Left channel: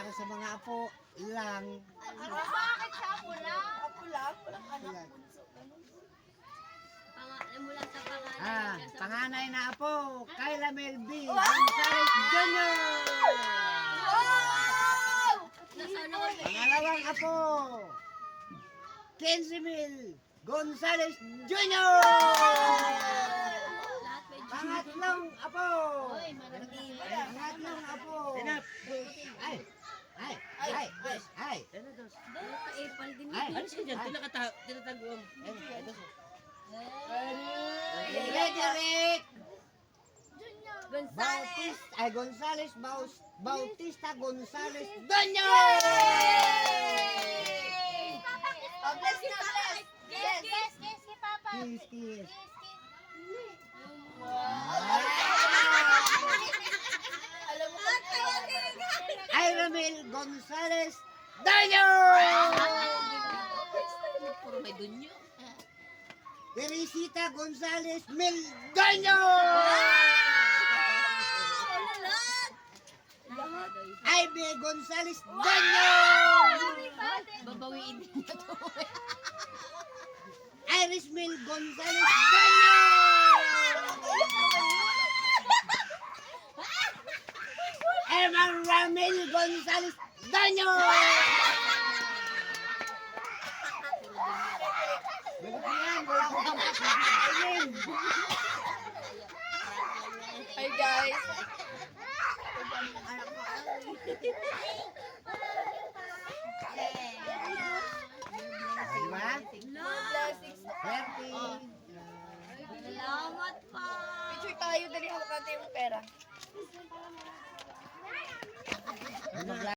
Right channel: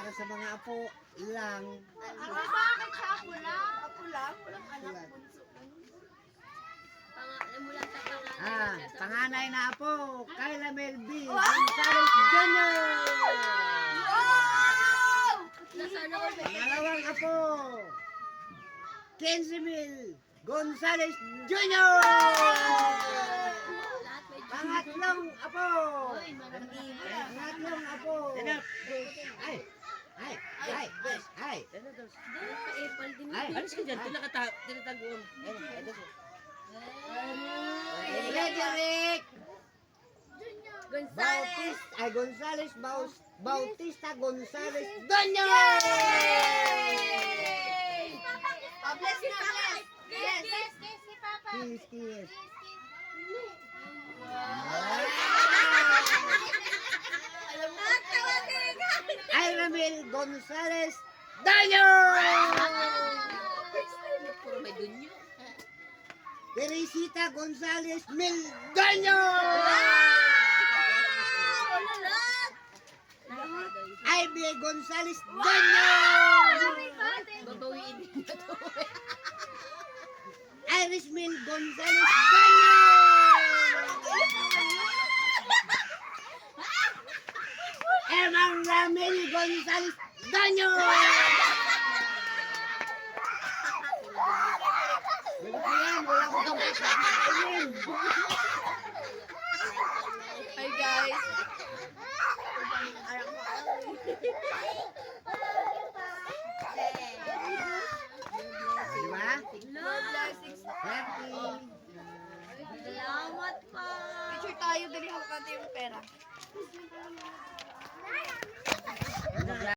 para sa mga apo lang. Bakit sa apo lang? Apo lang, walang anak, bunso. Ganun. Mula sa pangalan. Panganay na apo, Kyla Melby Gonzales Jr. Wow! Nasaan ako? Pangalawang apo, Kenzie Mil Gonzales Jr. Lahat may Pangatlong apo, Uy, marami. pangatlong apo. Ay, ay, ay, ay. Kaipal din Ay, Alis ka dyan, tinataguan. Frederick Gonzales. Gonzales Bautista Gonzales Doño! Oh, bless na, bless. Yes. Kiss, kiss. Alam mo, Iramil Gonzales Doño! Puro may dunyo. Teresita Gonzales Mildoño! Ivy Gonzales Doño! Babawiin din na to. Iris Mil Gonzales Doño! Emma Ramil Gonzales Doño! Bakit yan? Wala akong kapatid. hi guys. Di ba? Blessings. Happy. Salamat pa. Picture tayo, dali hawak natin yung pera.